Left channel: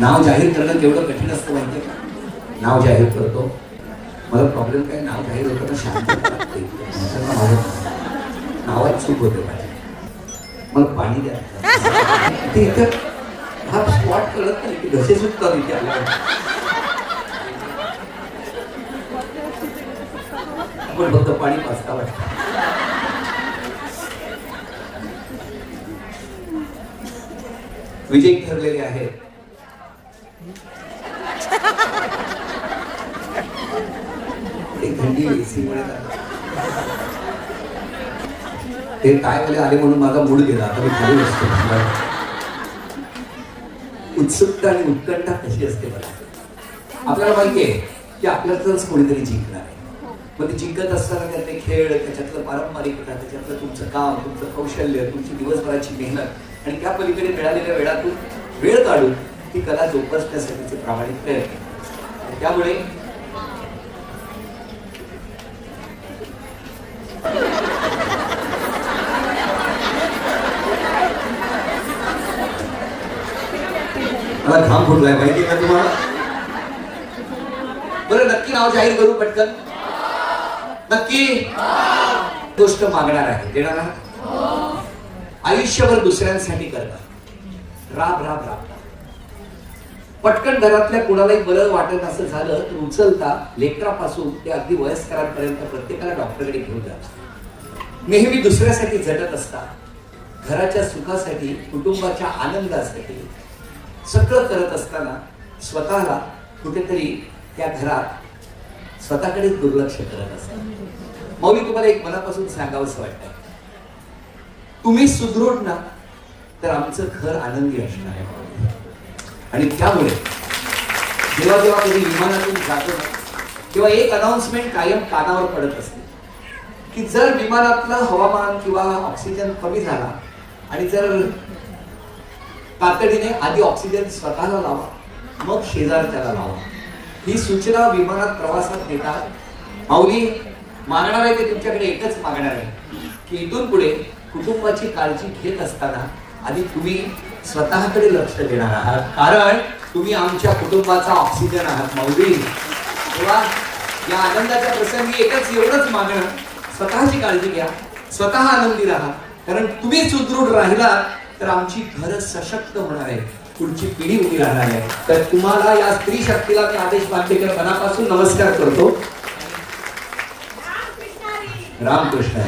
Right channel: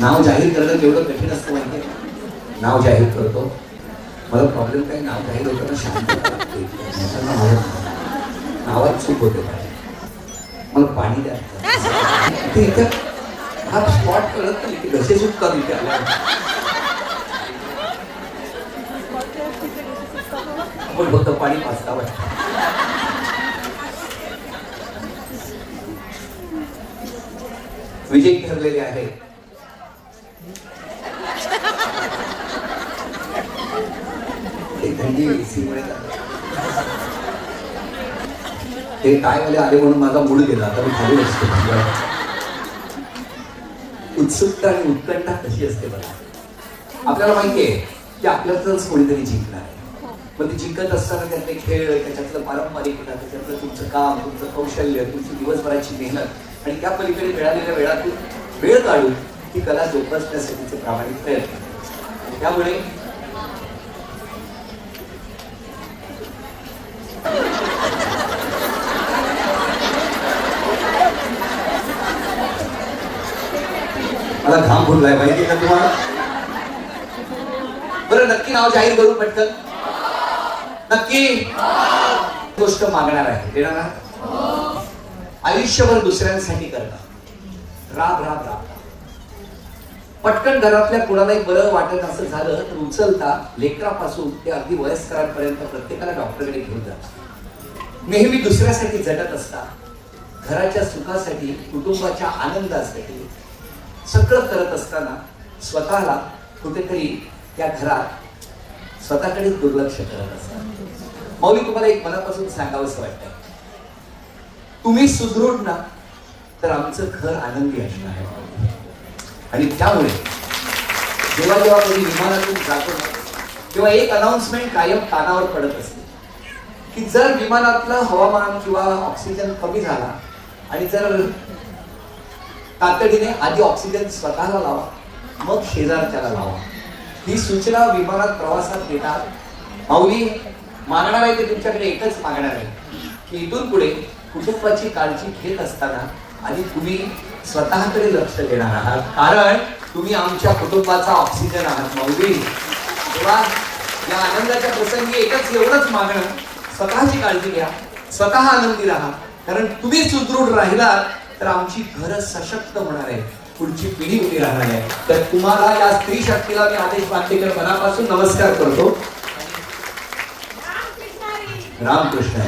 नाव जाहीर करणं केवढं कठीण असतं माहितीये का? नाव जाहीर करतो, मला प्रॉब्लेम काय, नाव जाहीर होतं शांत लागते, नावात चूक होते पाहिजे, मग पाणी द्या ते इथं हा स्पॉट कळत नाही की घसे चूक करून त्याला आपण फक्त पाणी पाचता वाटतं. विजयी ठरलेले आहेत थंडी ते टायवाले आले म्हणून माझा मूड गेला. आता मी खाली असतो. उत्सुकता आणि उत्कंठा कशी असते बघा. आपल्याला माहितीये की आपल्यातच कोणीतरी जिंकणार आहे. मग ते जिंकत असताना त्यातले खेळ, त्याच्यातलं पारंपरिकता, त्याच्यातलं तुमचं काम, तुमचं कौशल्य, तुमची दिवसभराची मेहनत आणि त्या पलीकडे मिळालेल्या वेळातून वेळ काढून ती कला जोपासण्यासाठीचे प्रामाणिक प्रयत्न. त्यामुळे मला घाम फुटलाय माहिती का तुम्हाला. बरं नक्की नाव जाहीर करू पटकन. नक्की गोष्ट मागणार आहे, देणार ना. आयुष्यभर दुसऱ्यांसाठी करतात, राब राब राब. पटकन घरातल्या कोणालाही बरं वाटत असं झालं तर उचलता लेकरापासून ते अगदी वयस्करांपर्यंत प्रत्येकाला डॉक्टरकडे घेऊन जातात. नेहमी दुसऱ्यासाठी झटत असतात. घराच्या सुखासाठी, कुटुंबाच्या आनंदासाठी सगळं करत असताना स्वतःला कुठेतरी त्या घरात स्वतःकडे दुर्लक्ष करत असतात. मग मी तुम्हाला एक मनापासून सांगावंसं वाटतं, तुम्ही सुदृढ ना तर आमचं घर आनंदी असणार आहे. आणि त्यामुळे जेव्हा जेव्हा कधी विमानातून जातो तेव्हा एक अनाउन्समेंट कायम कानावर पडत असते की जर विमानातलं हवामान किंवा ऑक्सिजन कमी झाला आणि जर तातडीने आधी ऑक्सिजन स्वतःला लावा, मग शेजारच्याला लावा. ही सूचना विमानात प्रवासात देतात. माऊली मागणार आहे ते तुमच्याकडे एकच मागणार आहे की इथून पुढे कुटुंबाची काळजी घेत असताना आधी तुम्ही स्वतःकडे लक्ष देणार आहात, कारण तुम्ही आमच्या कुटुंबाचा ऑक्सिजन आहात. माऊली तेव्हा या आनंदाच्या प्रसंगी एकच एवढंच मागणं, स्वतःची काळजी घ्या, स्वतः आनंदी राहा, कारण तुम्ही सुदृढ राहिलात तर आमची घरं सशक्त होणार आहे, पुढची पिढी उभी राहणार आहे. तर तुम्हाला या स्त्री शक्तीला मी आदेश बांधलेल्या मनापासून नमस्कार करतो. रामकृष्ण.